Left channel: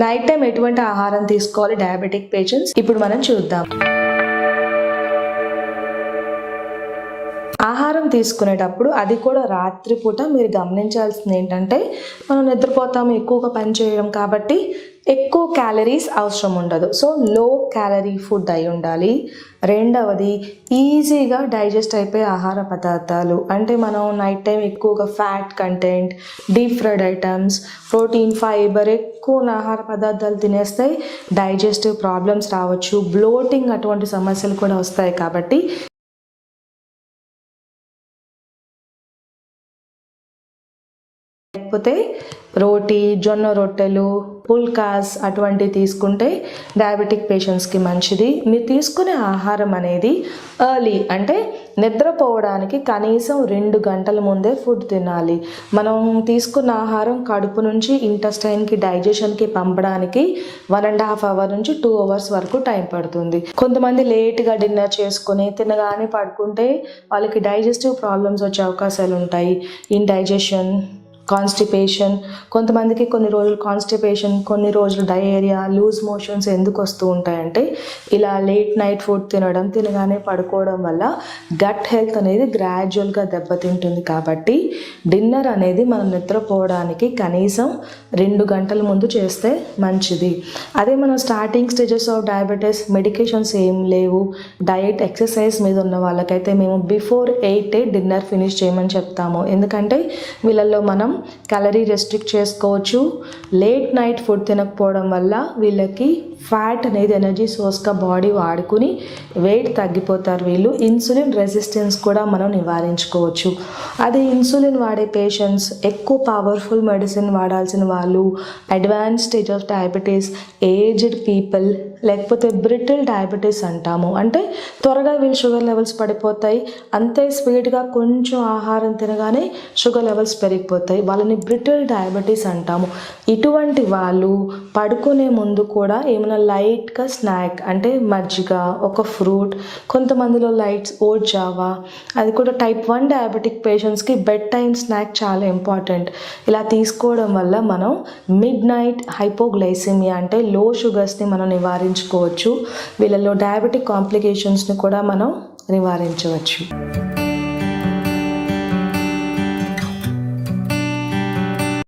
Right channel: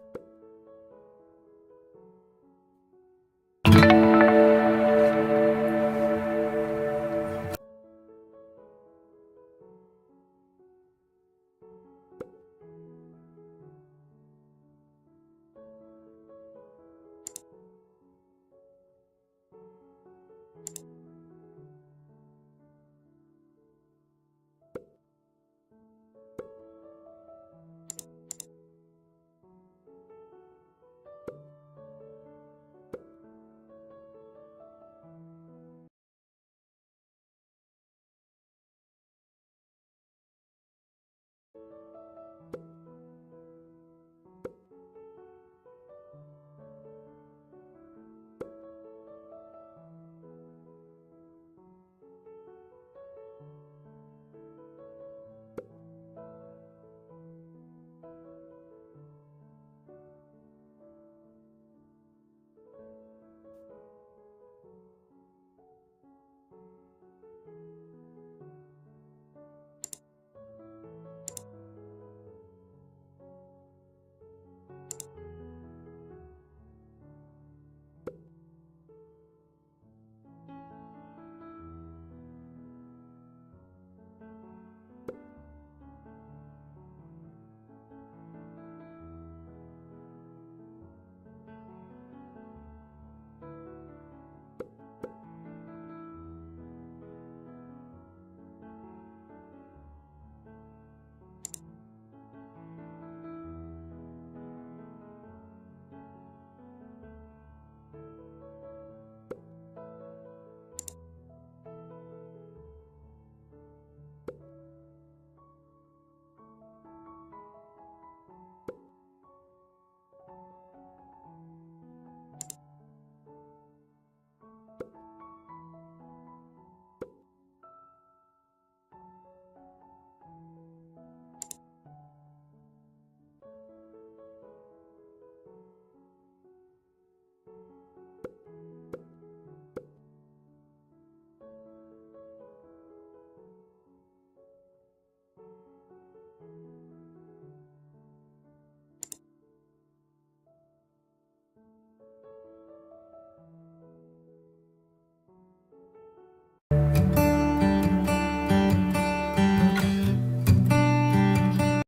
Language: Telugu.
నైట్ టైం ఎటువంటి ఆహారం తీసుకోవాలి డయాబెటిక్ పేషెంట్స్ ఇప్పుడు మనం చూద్దాం. ఆహారం తీసుకునేటప్పుడు అది కూడా రాత్రిపూట మీరు గమనించాల్సింది ఏంటంటే, మనం నిద్రపోతాము, ఎక్కువగా పని చేయడం కాబట్టి ఎక్కువ క్యాలరీస్ అవసరం ఉండదు. సో లో క్యాలరీ ఫుడ్ అయి ఉండాలి. రెండవది, ఈజీగా డైజెస్ట్ అయిపోయే ఆహార పదార్థాలు, అంటే మనం నైట్ టైం ఎక్కువగా fat content, deep fried items, protein, fibre ఎక్కువ ఉన్న ఆహార పదార్థాలు తినేస్తే డైజెస్టివ్ ప్రాబ్లమ్స్ రావచ్చు, బ్లోటింగ్ అటువంటి సమస్యలు కూడా వస్తాయి. కాబట్టి లేకపోతే రోటీ, జొన్న రొట్టెలు, పుల్కాస్ అటువంటివి తీసుకుంటే డయాబెటిక్ పేషెంట్స్కి మంచిది. మీరు తీసుకునే ఆహారం అనేది ఎర్లీ, అంటే నిద్రపోవడానికి కనీసం 2 గంటల ముందే ఫుడ్ తినాలి. మనం తీసుకున్న ఆహారం కడుపు నుంచి ఇంటెస్టైన్కి, డైజెషన్కి పంపడానికి 1.5 అవర్ నుంచి 2 అవర్స్ వరకు టైం పడుతుంది. కొంతమంది లేట్గా డిన్నర్ చేసుకొని తినగానే పడుకుంటే వాళ్ళకి డైజెస్టివ్ ప్రాబ్లమ్స్ వచ్చే అవకాశాలు ఉంటాయి. ఇండైజెషన్, కాన్స్టిపేషన్, కొంతమందికి కొన్ని రోజులు కాన్స్టిపేషన్, కొన్ని రోజులు డయేరియా, లూజ్ మోషన్స్ ఎందుకు వస్తూ ఉంటాయంటే ఇలా లేట్ నైట్ ఫుడ్ తినగానే పడుకోవడం వల్ల గట్ హెల్త్ అనేది గ్రాడ్యువల్గా దెబ్బతింటుంది. కాబట్టి డిన్నర్ అనేది మనం నిద్రపోవడానికి కనీసం 2 గంటల ముందు చేస్తే మంచిది. అదే మనం starting stages of diabetes, medications ఏం లేవు, డయట్, ఎక్సర్సైజ్ మీద ఉన్న వాళ్ళకైతే మేము బిఫోర్ 8 డిన్నర్ ఫినిష్ చేయమని చెప్తాము. ఎందుకంటే వీళ్ళల్లో మనం క్యాలరీ రెస్ట్రిక్ట్ చేసుకోవచ్చు. లేట్ నైట్ ఫుడ్ తినకపోవడం వల్ల వీళ్ళకి ఫ్యాట్ అనేది ఎనర్జీ సోర్స్గా బాడీ వాడుకుని వెయిట్ తగ్గిపోతారు. వీళ్ళు ఇన్సులిన్ రెసిస్టెన్స్ కూడా మనం నివారించుకోవచ్చు. అదే ఇన్సులిన్ వాడే పేషెంట్స్, ఎక్కువ పవర్ఫుల్ మెడిసిన్ వాడాల్సిన వాళ్ళు, advance stage of diabetes, aged people, లేకపోతే బ్రిటిల్ డయాబెటీస్ అంటాము. అంటే త్వరగా వీళ్ళు షుగర్ లెవెల్స్ పడిపోతాయి, అంతే స్పీడ్గా కొంచెం ఆహారం తినగానే షుగర్ లెవెల్స్ పెరిగిపోతాయి, వాళ్ళని బ్రిటిల్ డయాబెటీస్ అంటాము. ఇటువంటి వాళ్ళు పడుకునే ముందు కూడా ఏమైనా లైట్గా స్నాక్, అంటే మజ్జిగ, ఒక ఫ్రూట్, కొంతమందిలో లైట్స్ ఓట్ జావా, అది కూడా టైప్ 1 డయాబెటిక్ పేషెంట్స్కి బెడ్ టైం స్నాక్ చాలా ఇంపార్టెంట్. ఇలా తీసుకోవడం వల్ల మనం మిడ్ నైట్ హైపోగ్లైసిమియా, అంటే లో షుగర్స్ని మనం నివారించుకోవచ్చు. వీళ్ళలో డయాబెటిక్ కాంప్లికేషన్స్ని కూడా మనం నివారించవచ్చు.